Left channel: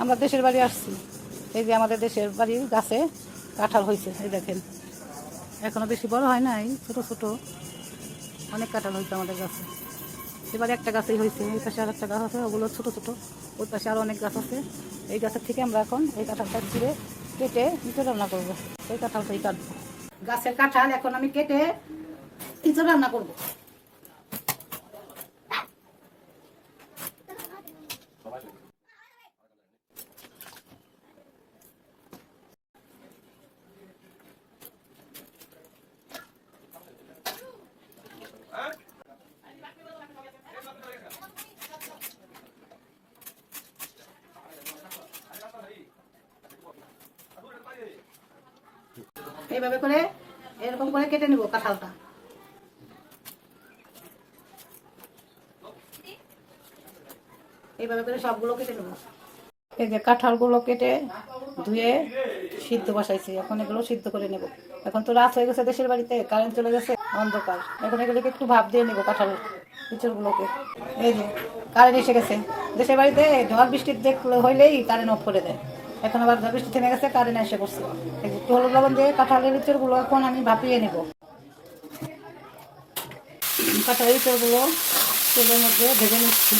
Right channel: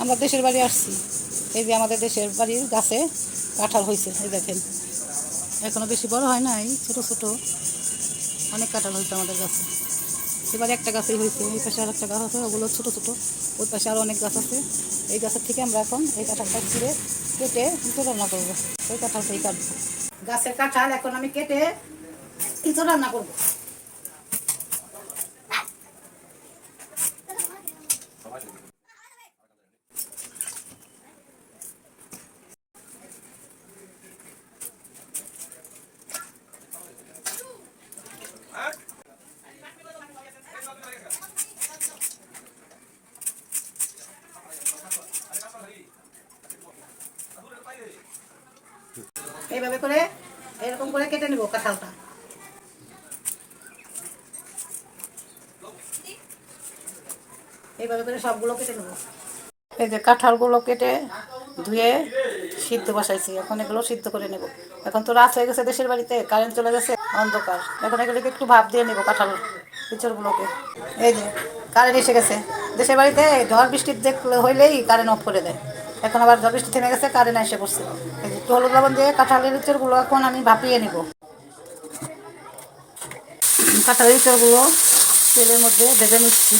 আমরা দেশের বাড়ি আসছি। এই যে আমাদের দেশের বাড়ির গাছে কাঁঠাল হয়েছে, এই দেখেন এখনো বেশি বড় হয় নাই, ছোট ছোট অনেক কাঁঠাল হয়েছে আমাদের গাছে। এবার একটা গাছেই হয়েছে, এই পাশে আর একটা গাছ আছে, ওগুলো ছোট ছোট, ওই পাশে আরও অনেক গাছ আছে। এই গাছের থেকে আমরা এখন এই কাঁঠালটা ছিঁড়ে কেটে ইঁচড় রান্না করবো। এই কাঁঠালটাই কাটবো। গাছের কাঁঠাল এখন আমি কেটে ইঁচড় রান্না করবো। এইভাবে করে এরকম করে কেটে নিব কাঁঠালটা। এইভাবে করে সবগুলো কেটে নেব। এই যে কাঁঠালগুলো কেটে ধুয়ে সিদ্ধ বসাইছি, এখন এগুলো সিদ্ধ করে নেব। এখন তো রাত হয়ে গেছে, দেশের বাড়িতে কারেন্ট চলে গেছে, অন্ধকার। এখন এগুলোকে একটু ভাপ দিয়ে নেব কাঁঠাল ইঁচড়গুলোকে। এই যে কারেন্ট এসে গেছে। দেশের বাড়িতে ঝড় বৃষ্টি দেখলে হইলেই কারেন্ট অফ করে দেয়। এখন আবার ঝড় বৃষ্টি থেমে গেছে, কারেন্ট এসে পড়ছে। এই যে একটু হলুদ লবণ দিয়ে কাঁঠালের ইঁচড়গুলো এখন আমি ভাপিয়ে নেব। কাঁঠালের ইঁচড়গুলো তেলের মধ্যে ভেজে নিচ্ছি।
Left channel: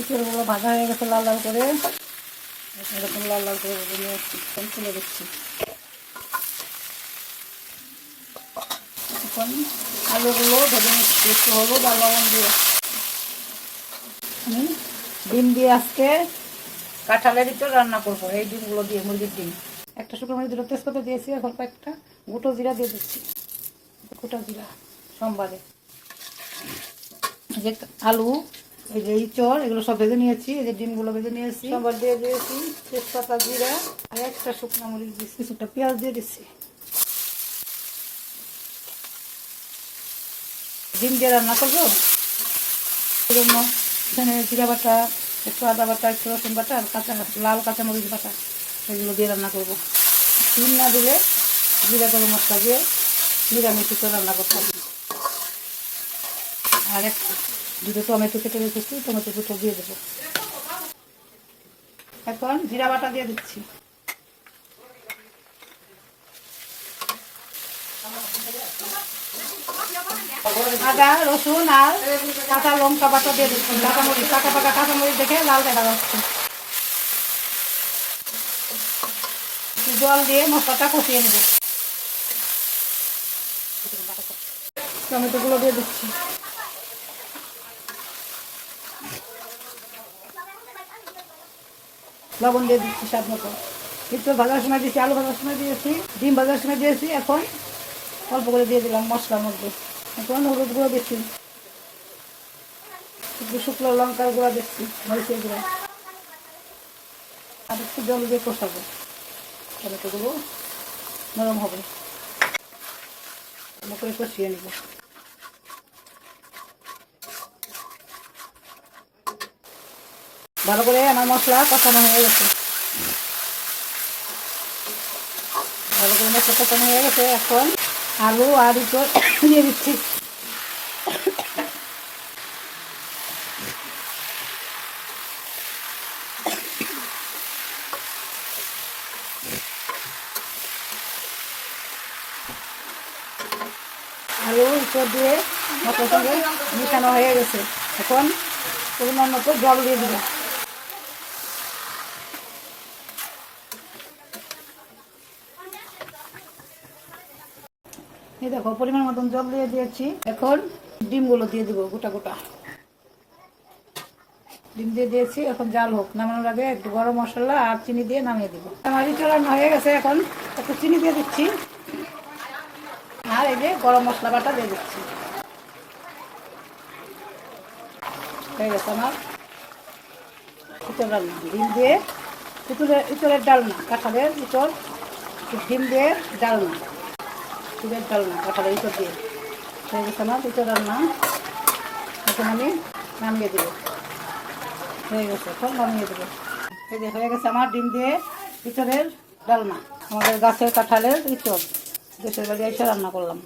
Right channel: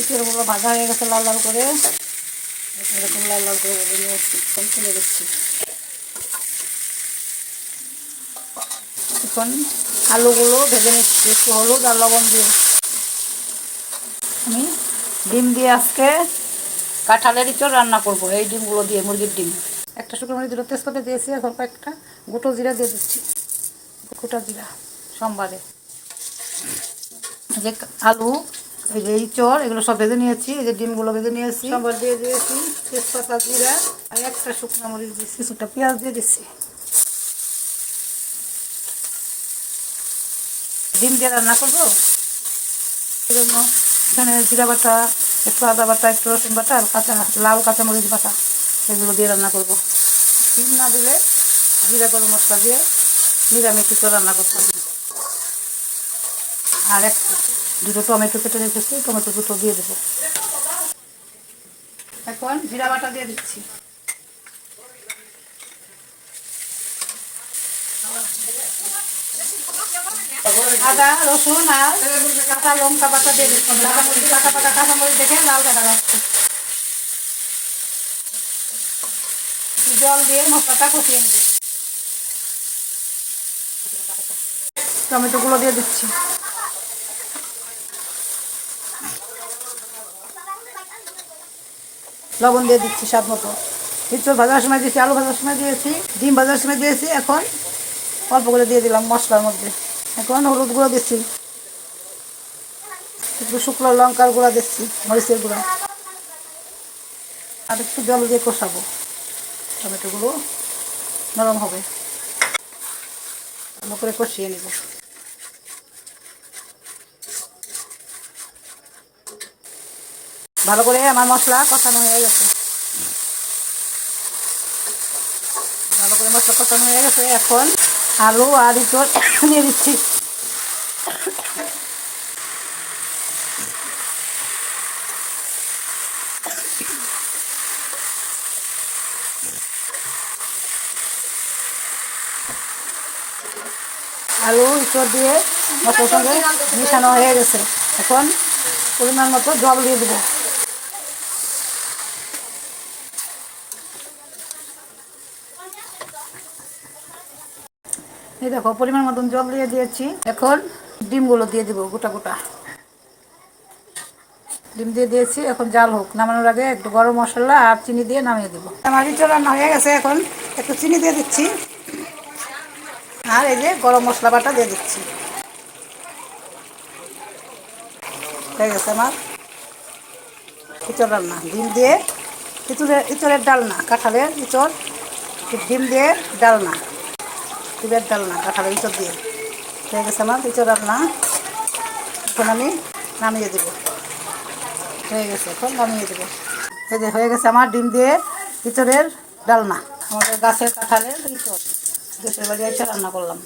ইঁচড়গুলো ভাজা হয়ে গেছে লাল লাল করে, এরকম লাল লাল করে ভেজে নিয়ে আসছি, তুলে দিচ্ছি। এখন আলুগুলো ভেজে নিচ্ছি একটু হলুদ আর লবণ দিয়ে। আমি ডিম দিয়ে আজকে কাঁঠালের ইঁচড় রান্না করব, এই ডিমগুলো দিয়ে, মুরগির ডিম। একটা শুকনো মরিচ দিল, তেজপাতা দিয়েছি, এখন কয়েকটা গোটা জিরা দিয়ে দিচ্ছি। গোটা জিরা সোমবারে। যে আলু, এই যে ইঁচড়, এগুলো সব ভেজে নিয়েছি। এই যে ডিমগুলো ভেজে নিয়েছি, সোমবার দিয়ে দিয়েছি তেজপাতা জিরা, আর একটা শুকনো মরিচ দিচ্ছি, কিছুটা পেঁয়াজ দিয়ে দিচ্ছি। ডিম দিয়ে রান্না করবো, এই জন্য এখানে জিরা বাটা, একটু আদা বাটা, একটু রসুন বাটা, আর লাল কাঁচামরিচ বাটা, এগুলো দিয়ে রান্না করব। ডিম না দিলে জিরা গরম মশলা দিয়ে নিরামিষ তো রান্না করতে হবে। আর দুটো টমেটো কেটে রেখেছি, টমেটো দুটো দিয়ে দেবো। এখন জিরা বাটা দিয়ে দিচ্ছি। আদা রসুন আর কাঁচা লঙ্কা বাটা দিয়ে দিচ্ছি। কাঁচামরিচ, পাকা পাকা কাঁচামরিচ দেখে লাল কাটা যাচ্ছে। জল দিয়ে মশলাটা কষিয়ে নেব। টমেটোগুলো দিয়ে দিচ্ছি। লবণ দিয়ে দিচ্ছি স্বাদ মতো। ইঁচড় ভাজার সময় দিয়েছি, আলু ভাজার সময় দিয়েছি, ডিম ভাজার সময় দিয়েছি, এখন অল্প করে দিয়ে দিলাম মশলার মধ্যে। এখন হলুদ গুঁড়ো দিচ্ছি, একটু শুকনো লঙ্কার গুঁড়া দিচ্ছি, মরিচের গুঁড়া, আর একটু জল দিয়ে কষাবো। টমেটোগুলো নরম হবে, ভালো করে কষিয়ে নেব। ভালো করে আমার মশলা কষানো হয়ে গেছে। ভালো করে মশলা কষানো হয়ে গেছে, এখন আলু আর ইঁচড় দিয়ে দিচ্ছি। আলু ইঁচড় দিয়ে মশলার সঙ্গে মিশানো হয়ে গেছে, এখন পরিমাণ মতো জল দিয়ে দেবো। এই দেখো পরিমাণ মতন জল দিয়ে দিয়েছি, এখন ডিমগুলো দিয়ে দেবো গোটা গোটা। ডিম দিয়ে দিয়েছি, এখন জাল হোক। নামানোর আগে একটু গরম মশলা আর চিনি দিয়ে নামিয়ে দেবো। আমার ইঁচড় রান্না হয়ে গেছে, এখন একটু চিনি দিয়ে দিচ্ছি, আর এই যে গরম মশলা বাটা দিয়ে দিচ্ছি। হয়ে গেছে আমার ইঁচড় রান্না। ডিম দিয়ে ইঁচড়ের ডালনা, কাঁঠালের ইঁচড় ডিম দিয়ে ডালনা, ডিমের ডালনা কাঁঠালের ইঁচড় দিয়ে। হয়ে গেছে আমার ইঁচড় রান্না, এখন আমি নামিয়ে দেবো। হয়ে গেছে, এখন নামিয়ে দেবো। এই যে হয়ে গেছে আমার ডিম দিয়ে ইঁচড়ের ডালনা, আমাদের গাছের কাঁঠালের ইঁচড় দেশের বাড়ি এসে রান্না করলাম।